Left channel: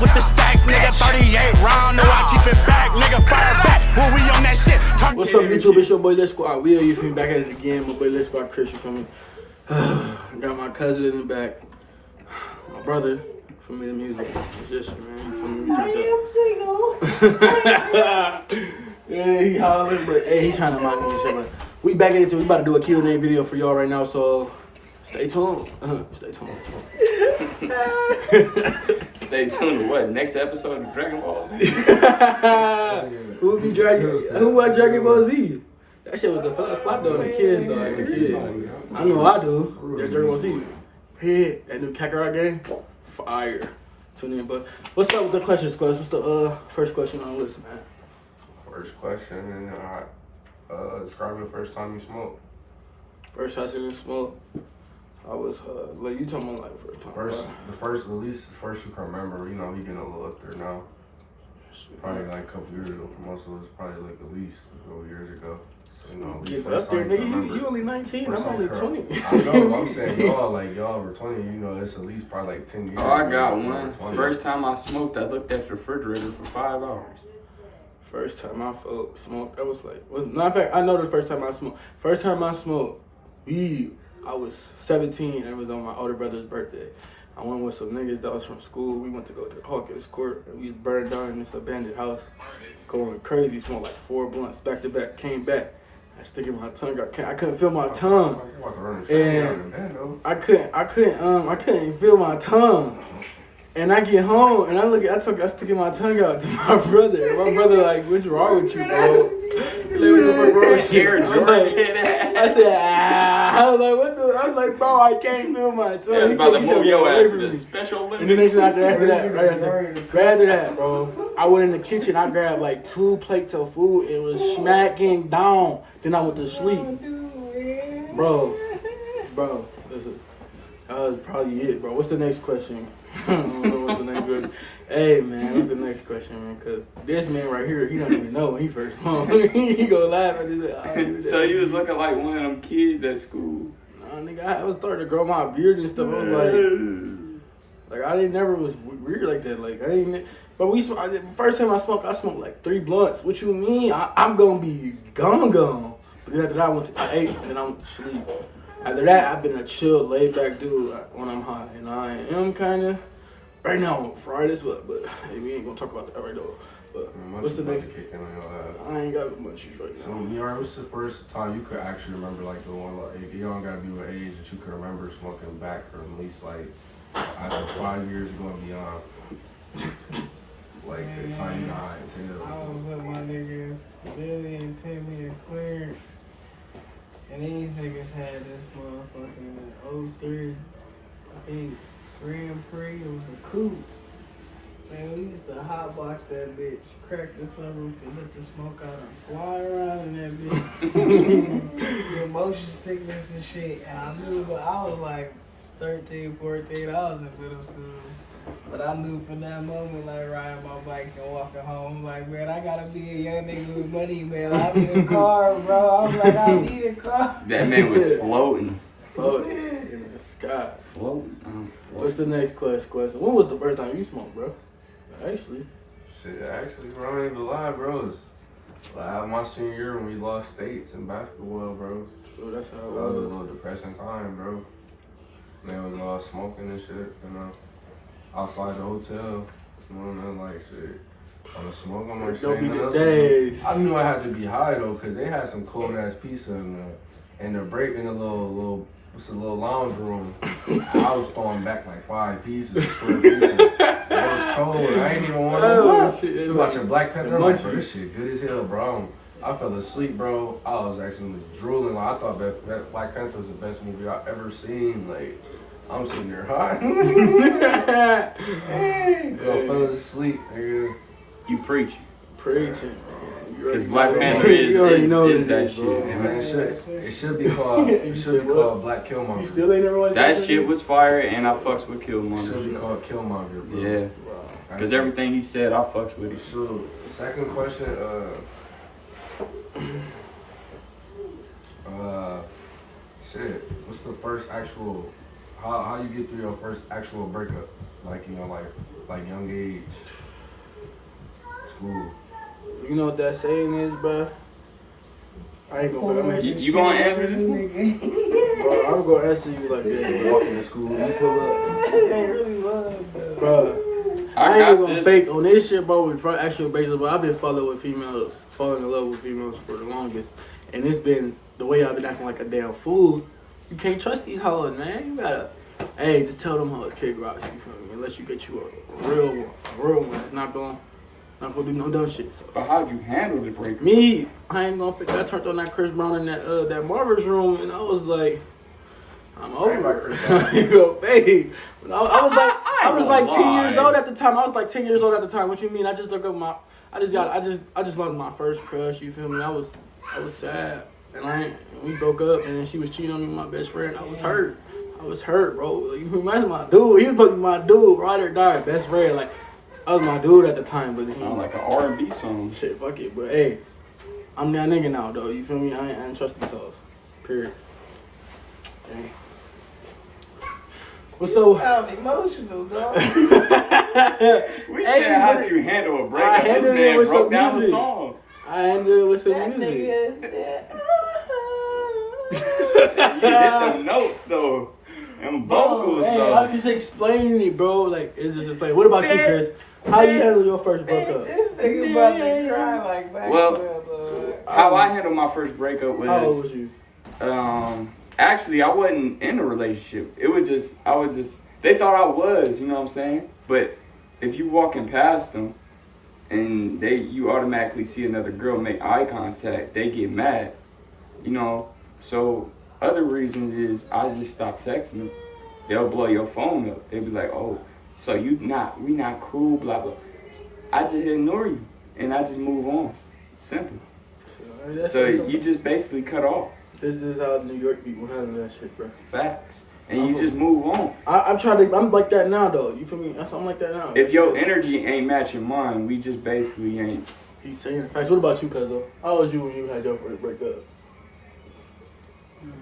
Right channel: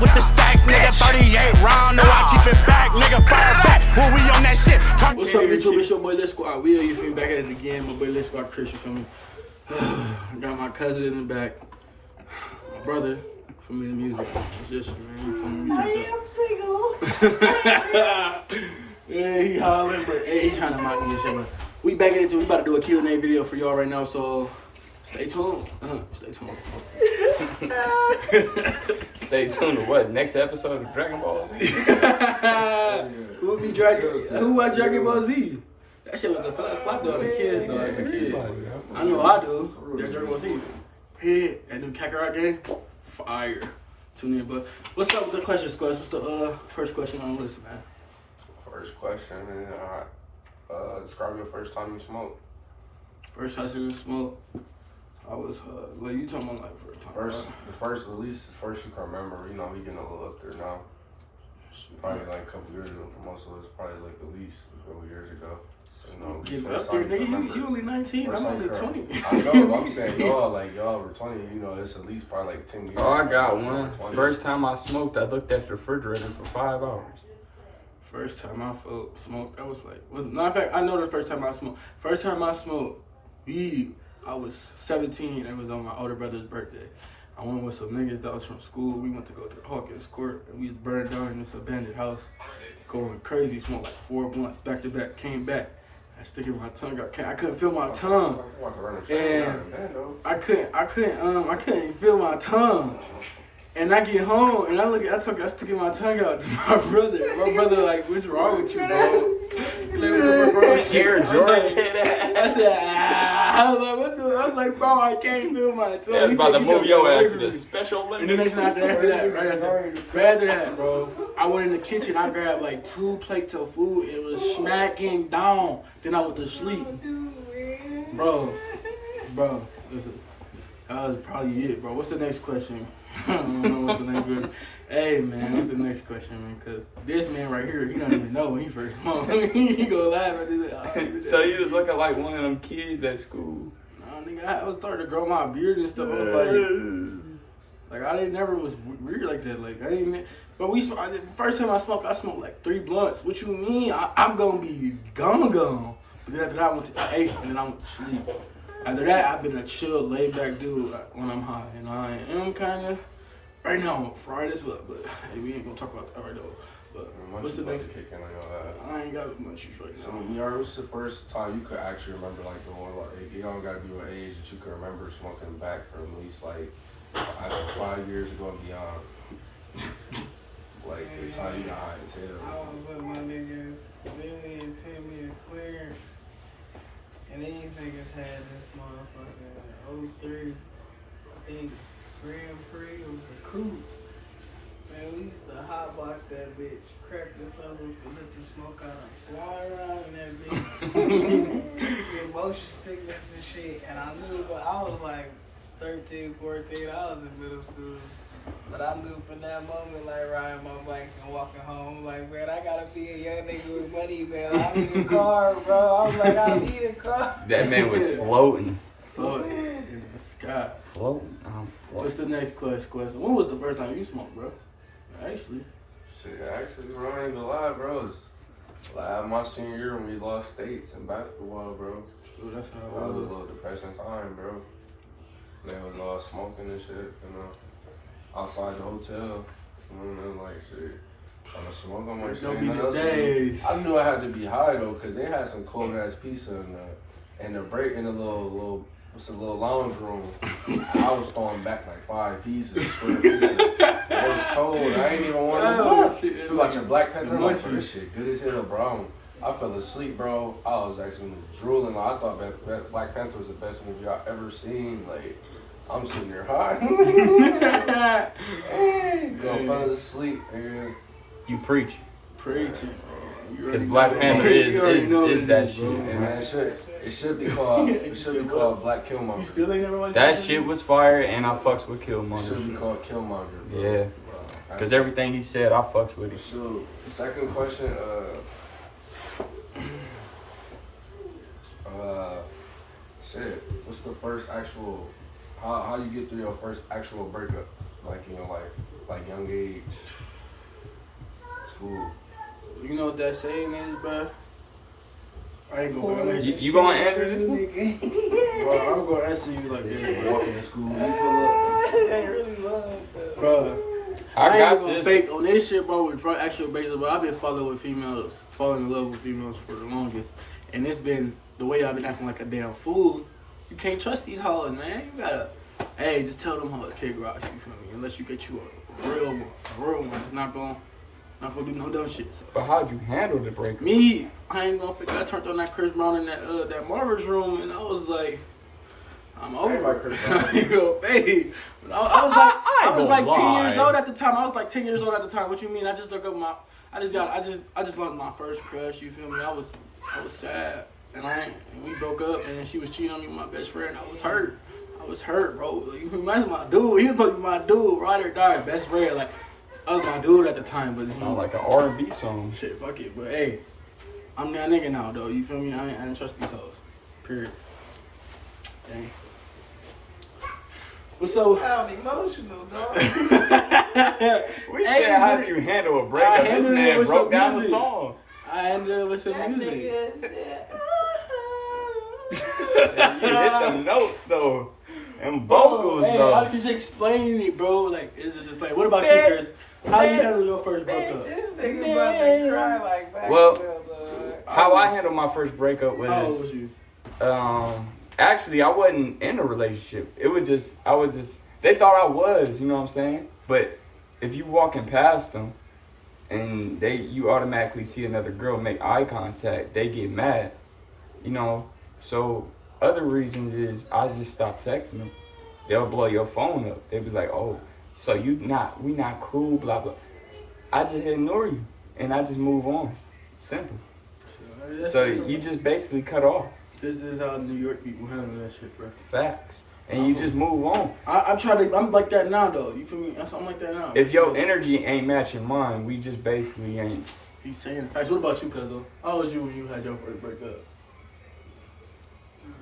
with the stacks, nigga. 38 round, no, I keep it back, nigga. Fire back when we on that shit. What's up, YouTube? It's your boy Lit Squad. We are, you feel me, back at it again. My boy Lit Squad Chris, you feel me? I got my cousin in the back. My brother, for me, the music. It's just, man, you feel me? I am single. Yeah, he hollering, but hey, he's trying to mock me and shit, but we back at it too. We about to do a Q&A video for y'all right now, so stay tuned. Stay tuned. Stay tuned to what? Next episode of Dragon Ball Z? Who would be Dragon? Who was Dragon Ball Z? That shit was the first flop though, the kids though, as a kid. I know I do. Yeah, Dragon Ball Z. Yeah, that new Kakarot game, fire. Tune in, but what's up with the question squad? What's the first question on the list, man? First question, describe your first time you smoked. First time I seen smoke, I was like you talking about like the first time. The first you can remember. You know, we getting a little up there now. Probably like a couple years ago for most of us. Probably like at least a couple years ago. So, you know, at least first time you can remember. You only 19. I'm only 20. I know. I'm saying y'all were 20. You know, it's at least probably like 10 years. Oh, I got one. First time I smoked, I looked at the refrigerator for 5 hours. First time I smoked, I was like, no, in fact, I know the first time I smoked. First time I smoked weed, I was 17, and it was on my older brother's birthday. I went with some niggas that was from school. We went to go to the Hawkins Court, and we burned down in this abandoned house, going crazy, smoked like 4 blunts back to back, came back. I sticking my tongue out. I couldn't feel my tongue, and I couldn't feel my tongue. And I get home and I sticking my tongue out to my brother. My brother like, what's wrong with you, bro? I said, I was like, what the? I was like, bro, I can't feel my tongue. Yeah, about to move your ass to the Special Olympics. And then after that, bro, I went in the kitchen. I grabbed like 2 plates of food. It was smacking down. Then I went to sleep, bro. Listen, that was probably it, bro. What's the next question? I don't know what's the next question. Hey, man, what's the next question, man? Because this man right here, he don't even know when he first smoked. He go laugh at this. So you was looking like one of them kids at school? Nah, nigga, I was starting to grow my beard and stuff. I was like I never was weird like that. Like, I ain't. But the first time I smoked like 3 blunts. What you mean? I'm going to be gone. But then after that, I ate, and then I went to sleep. After that, I've been a chill, laid-back dude when I'm high. And I am kind of, right now, I'm fried as well. But hey, we ain't going to talk about that right now. But what's the next? Kicking on your ass. I ain't got munchies right now. So, Miara, what's the first time you could actually remember, like, the one, like, you don't got to be what age that you could remember smoking back, or at least, like, either 5 years ago and beyond? Like, the time you got high as hell. I was with my niggas, Billy and Timmy and Queer. And these niggas had this motherfucking like 03, I think, Grand Prix. It was a coupe. And we used to hotbox that bitch, crack the sunroof to hit the smoke out and fly around in that bitch. Get motion sickness and shit. And I knew, but I was like 13, 14, I was in middle school. But I knew from that moment, like riding my bike and walking home, like, man, I gotta be a young nigga with money, man. I need a car, bro. I was like, I need a car. That man was floating. Floating in the sky. Floating. What's the next question? When was the first time you smoked, bro? Actually, bro, I ain't even lie, bro. It's like my senior year when we lost states in basketball, bro. Oh, that's how it was. That was a little depressing time, bro. They was all smoking and shit, you know. Outside the hotel, like shit. I'm a smoke on my shit. I knew I had to be high though, cause they had some cold ass pizza in the break in the little lounge room. I was throwing back like 5 pieces, square pizza. It was cold. I ain't even want to. You watching Black Panther? I'm like, bro, this shit good as hell, bro. I fell asleep, bro. I was actually drooling. Like, I thought that Black Panther was the best movie I ever seen. Like. I'm sitting there high. Girl fell asleep, nigga. You preaching. Because Black Panther is that shit. Man, it should be called Black Killmonger. You still ain't never watched that shit was fire, and I fucks with Killmonger. It should be called Killmonger, bro. Yeah. Because everything he said, I fucks with it. So, second question, what's the first actual, how you get through your first actual breakup? like like young age school. You know what that saying is, bro? I ain't gonna. You gonna answer this one? Bro, I'm gonna answer you like They this. say walking to school, you pull up. It really was, Bro, I ain't gonna fake on this shit, bro. With actual baseball, I've been falling in love with females for the longest, and it's been the way I've been acting like a damn fool. You can't trust these hoes, man. You gotta, hey, just tell them hoes kick rocks. You feel me? Unless you get you a real one, that's not gonna do no dumb shit. So. But how'd you handle the breakup? Me, I ain't gonna fake. I turned on that Chris Brown in that Marvin's room, and I was like, I'm over it. You go, babe. I was like 10 years old at the time. What you mean? I just lost my first crush. You feel me? I was sad, and we broke up, and she was cheating on me with my best friend. I was hurt, bro. You can imagine my dude. He was supposed to be my dude, ride or die, best friend. Like, I was my dude at the time, but Sound like an R&B song. Shit, fuck it. But hey, I'm that nigga now, though. You feel me? I ain't trust these hoes. Period. Dang. What's so? Sound emotional, dog. We said, how did you handle a breakup? This man broke down the song. I handled it with some That music. nigga said, You hit them notes though, and vocals Hey, though. I'm just explaining it, bro. Like, it's just explaining. What about you, Chris? How you handle your first breakup? this nigga about to cry like back. Well, how I handled my first breakup How old was, was you? actually I wasn't in a relationship. It was just, they thought I was, you know what I'm saying? But if you walking past them and you automatically see another girl make eye contact, they get mad, you know? So other reasons is I just stopped texting them. They'll blow your phone up. They'll be like, oh, so we not cool, blah, blah. I just ignore you and I just move on. Simple. So you just basically cut off. This is how New York people handle that shit, bro. Facts. And you just move on. I'm like that now, though. You feel me? I'm like that now. If your energy ain't matching mine, we just basically ain't. He's saying facts. What about you, cuzzo? How was you when you had your first breakup?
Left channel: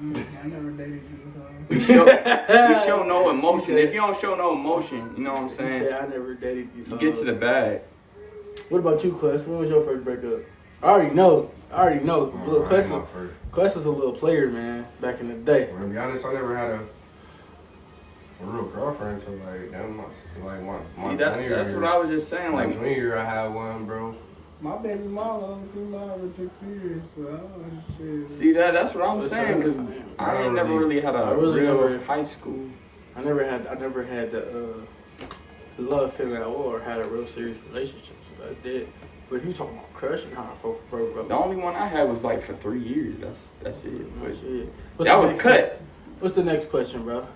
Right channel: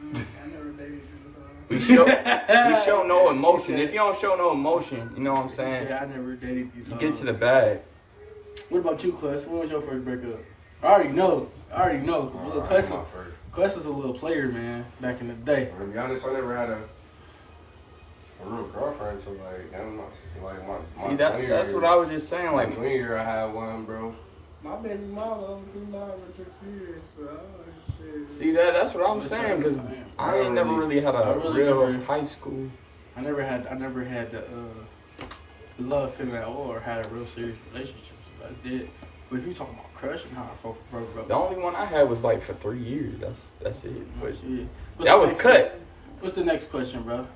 I never dated you. We show no emotion. If you don't show no emotion, you know what I'm saying? I never dated these You get to the bag. What about you, Quest? When was your first breakup? I already know. Little Quest was a little player, man, back in the day. To be honest, I never had a real girlfriend until my See, that's what I was just saying. My Like, junior year, I had one, bro. My baby mama over 6 years, so I don't shit. see that's what I'm saying, because I ain't never really had a real high school. I never had the love him at all or had a real serious relationship. So that's it. But if you talking about crushing, how I broke up. The only one I had was like for 3 years. That's it. But What's that the was next cut. question? What's the next question, bro?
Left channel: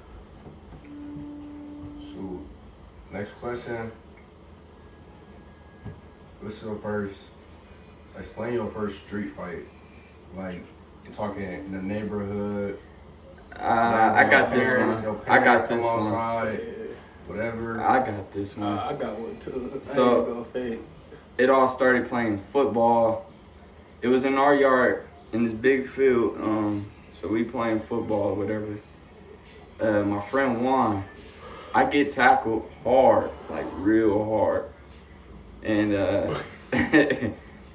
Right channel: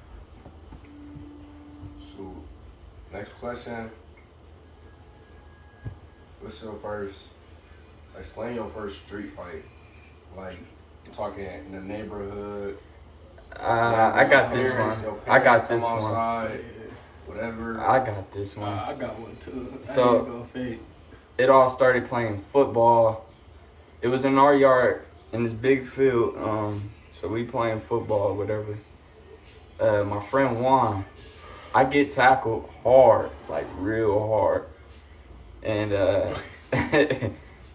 So, next question. What's your first? Explain your first street fight. Like, I'm talking in the neighborhood. I got this one. I got this one. Outside, whatever. I got this one. I got one too. So it all started playing football. It was in our yard in this big field. So we playing football or whatever. My friend Juan, I get tackled hard, like real hard. And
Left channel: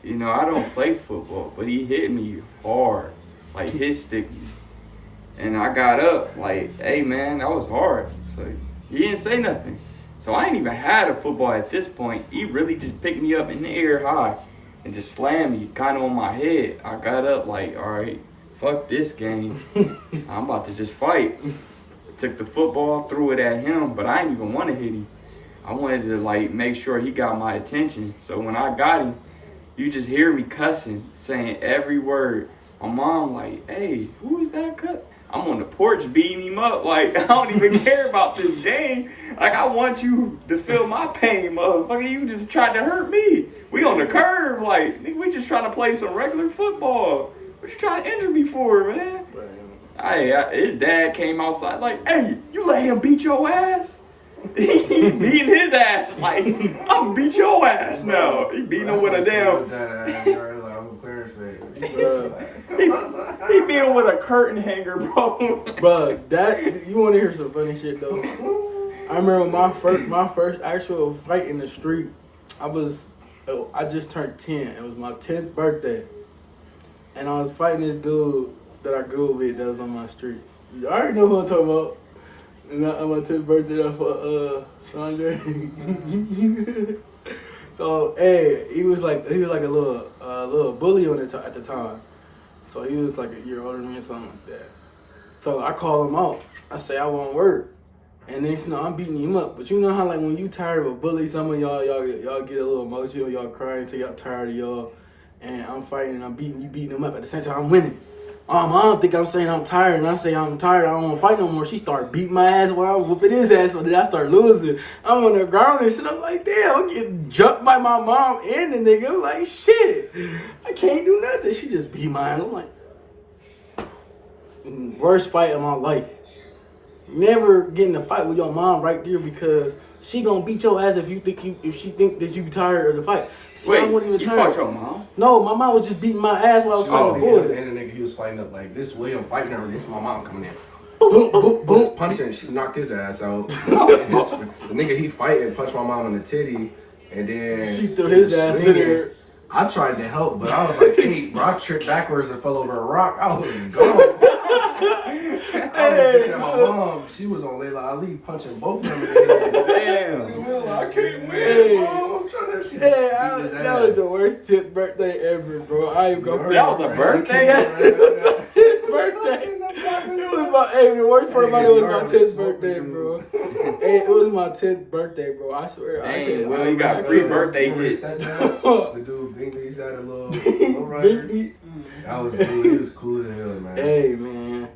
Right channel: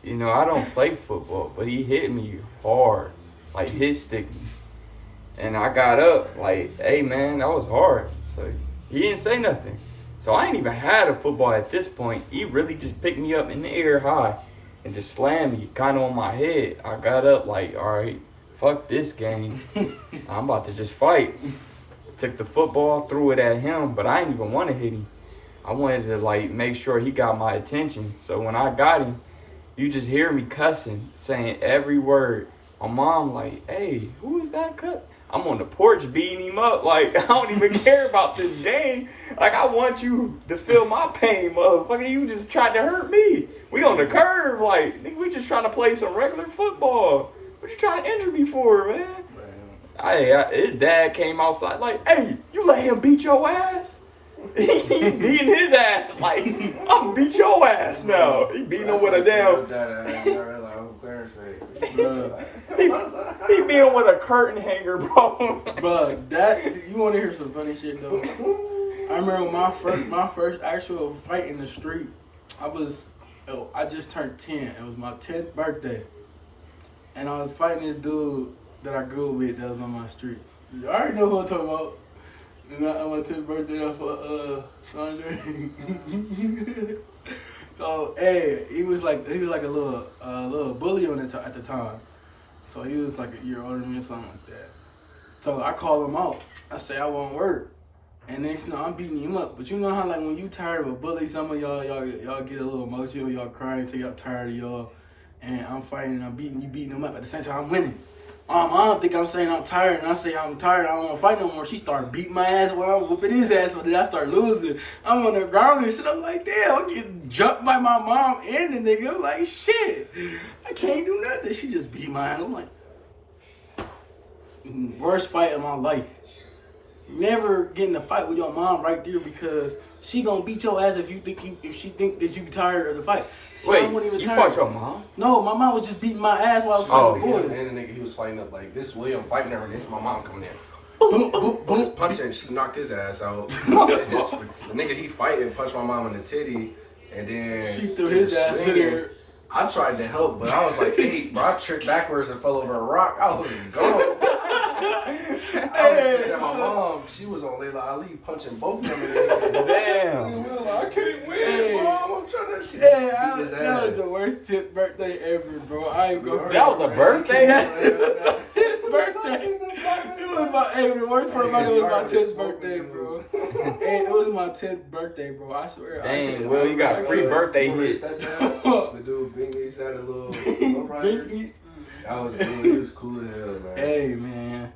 you know, I don't play football, but he hit me hard, like hit stick me. And I got up like, hey man, that was hard. So he didn't say nothing. So I ain't even had a football at this point. He really just picked me up in the air high and just slammed me kind of on my head. I got up like, all right, fuck this game. I'm about to just fight. Took the football, threw it at him, but I didn't even want to hit him. I wanted to like make sure he got my attention. So when I got him, you just hear me cussing, saying every word. My mom like, hey, who is that cut? I'm on the porch beating him up. Like, I don't even care about this game. Like, I want you to feel my pain, motherfucker. You just tried to hurt me. We on the curve. Like, nigga, we just trying to play some regular football. What you trying to injure me for, man? His dad came outside like, hey, you let him beat your ass? He beating his ass. Like, I'm gonna beat your ass now. He beating him with a damn... He beat him with a curtain hanger, bro. Bro, you want to hear some funny shit though? I remember my first actual fight in the street. I just turned 10. It was my 10th birthday, and I was fighting this dude that I grew up with that was on my street. I already know who I'm talking about. And on my 10th birthday, I fought Andre. So hey, he was like a little bully on it at the time. So he was like a year older than me or something like that. So I call him out. I say I won't work. And next thing you know, I'm beating him up. But you know how like when you tired of a bully, some of y'all get a little emotional, y'all crying until y'all tired of y'all. And I'm fighting and I'm beating him up at the same time I'm winning. I don't think I'm saying I'm tired, and I say I'm tired, I don't want to fight no more. She started beating my ass while I'm whooping his ass, so then I start losing. I'm on the ground and shit. I'm like, damn, I'm getting jumped by my mom and the nigga. I'm like, shit, I can't do nothing. She just beat my ass. I'm like, worst fight of my life. Never get in a fight with your mom right there because she gonna beat your ass if she think that you tired of the fight. So Wait, I wasn't even you tired. fought your mom? No, my mom was just beating my ass while I was fighting the boy. And the nigga he was fighting up like this William fighting her, this my mom coming in. Boom, boom, boom. Punching and she knocked his ass out. The nigga he fighting punched my mom in the titty and then She threw his ass in there. I tried to help, but I was like, hey, bro, I tripped backwards and fell over a rock. I was gone. I was looking at my mom. She was on Layla Ali punching both of them in the head. Damn. I can't win, Hey. Mom. I'm trying to That was the worst 10th birthday ever, bro. I ain't gonna. That was a birthday? Yeah, 10th birthday. The worst part about it was my 10th birthday, bro. Hey, it was my 10th birthday, bro. I swear. Dang, Will, you got free birthday hits. The dude Bingley's had a little rider. That was cool. He was cool as hell, man. Hey, man.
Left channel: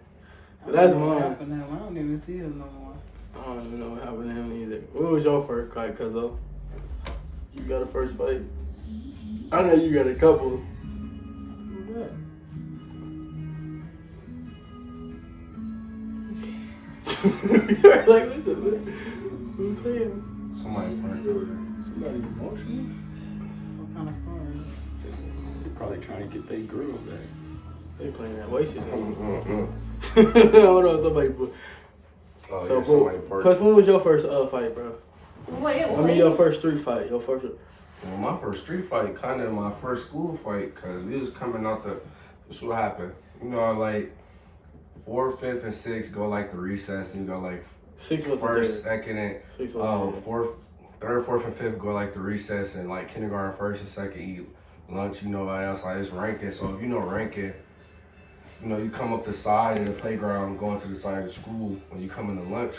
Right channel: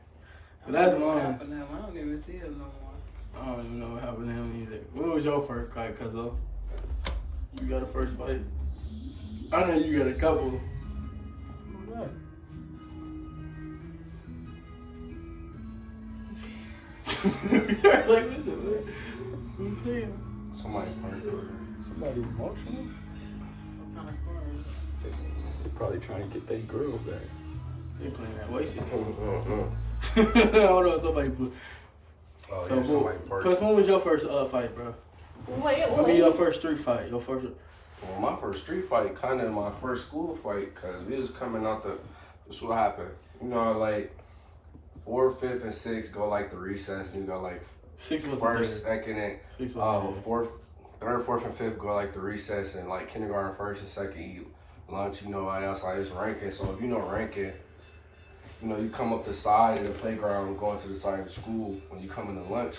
That's What mine. happened to him? I don't even see him no more. I don't even know what happened to him either. What was your first fight, cuzzo? You got a first fight? I know you got a couple. You're like, what the Somebody parked over there. Somebody emotional? What kind of car is it? They probably trying to get their girl back. They playing that way shit. Mm-mm-mm. Hold on, somebody put. Oh, So, yeah, somebody bro, parked. Cuz when was your first fight, bro? I mean, your first street fight. Your first. Well, my first street fight, kind of my first school fight, because we was coming out this what happened. You know, like 4th, 5th, and 6th go like the recess, and you go like 6 was first, second, and 6 was 4th, 3rd, 4th, and 5th go like the recess, and like kindergarten, 1st, and 2nd eat lunch. You know, else like it's ranking. So if you know ranking, you know you come up the side of the playground, going to the side of the school when you come into lunch.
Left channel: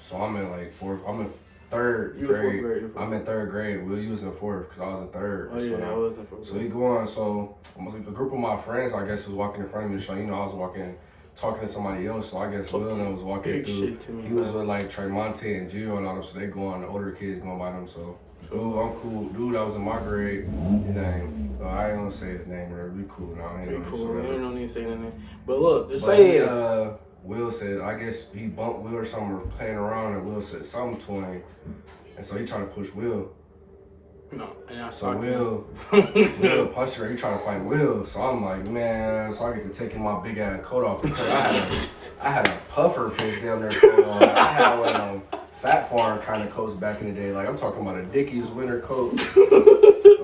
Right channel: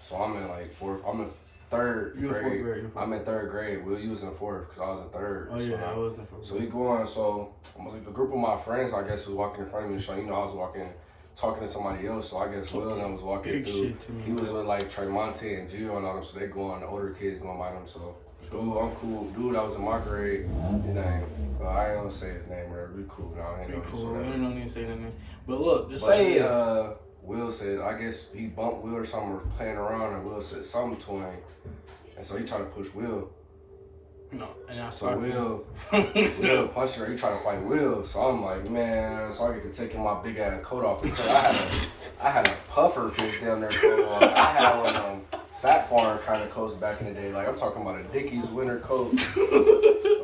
So I'm in like 4th. I'm in 3rd You in grade. 4th grade. I'm in 3rd grade. Will, you was in 4th because I was in 3rd. Oh yeah, I was in 4th. So we go on. So a group of my friends, I guess, was walking in front of me. So you know, I was walking, talking to somebody else. So I guess Will and I was walking Big through. shit to me, He was bro. with like Tremonte and Gio and all them. So they go on. The older kids going by them. So dude, I'm cool. Dude, that was in my grade. His name. I ain't gonna say his name. Right? We cool now. I ain't Be gonna cool. say You that. don't need to say anything. But look, just But say he, it. Will said, I guess he bumped Will or something, or playing around, and Will said something to him. And so he tried to push Will. No, and I So saw Will punched her, he tried to fight Will. So I'm like, man, so I get to taking my big ass coat off. And I had a puffer fish down there. I had one Fat Farm kind of coats back in the day. Like I'm talking about a Dickies winter coat.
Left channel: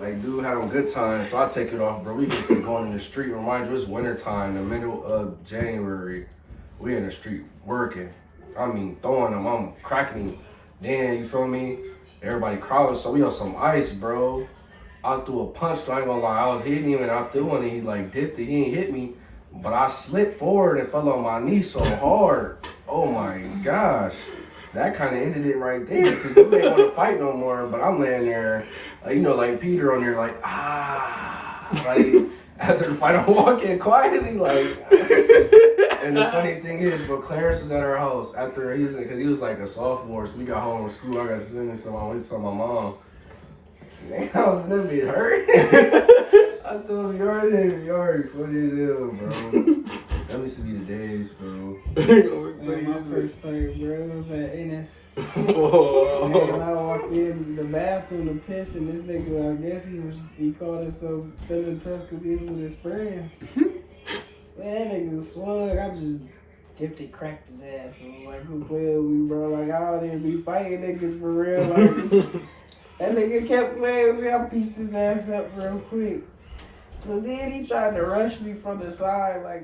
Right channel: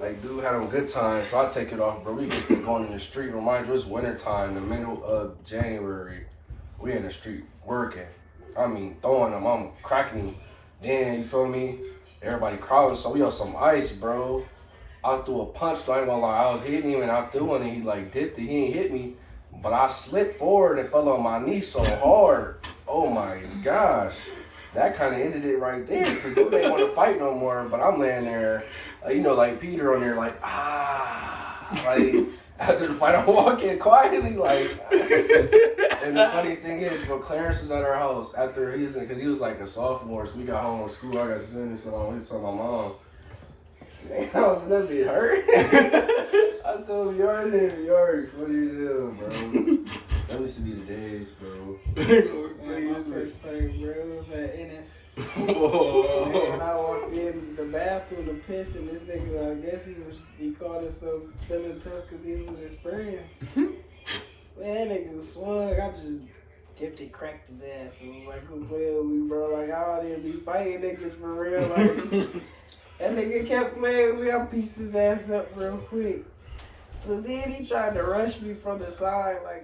Like dude had them good times. So I take it off, bro. We just been going in the street. Remind you, it's winter time, the middle of January. We in the street working. I mean, throwing them. I'm cracking them. Then, you feel me? Everybody crawling, so we on some ice, bro. I threw a punch, so I ain't gonna lie. I was hitting him, and I threw one, and he like dipped it. He ain't hit me, but I slipped forward and fell on my knee so hard. Oh my gosh. That kind of ended it right there, because dude ain't want to fight no more, but I'm laying there, you know, like Peter on there, like, like, after the fight, I'm walking quietly, like, and the funniest thing is, but Clarence was at our house after because he was like a sophomore, so we got home from school. I got to send him, so I went to tell my mom. Man, I was gonna be hurt. I told him, you already funny as hell, bro. That used to be the days, bro. Like my first fight, bro, it was at Ennis. And then I walked in the bathroom to piss, and this nigga, I guess he called himself feeling tough because he was with his friends. Man, that nigga swung. I just Tipton cracked his ass. And was like, who playing with me, bro? Like, I don't even be fighting niggas for real. Like, that nigga kept playing with me. I pieced his ass up real quick. So then he tried to rush me from the side, like,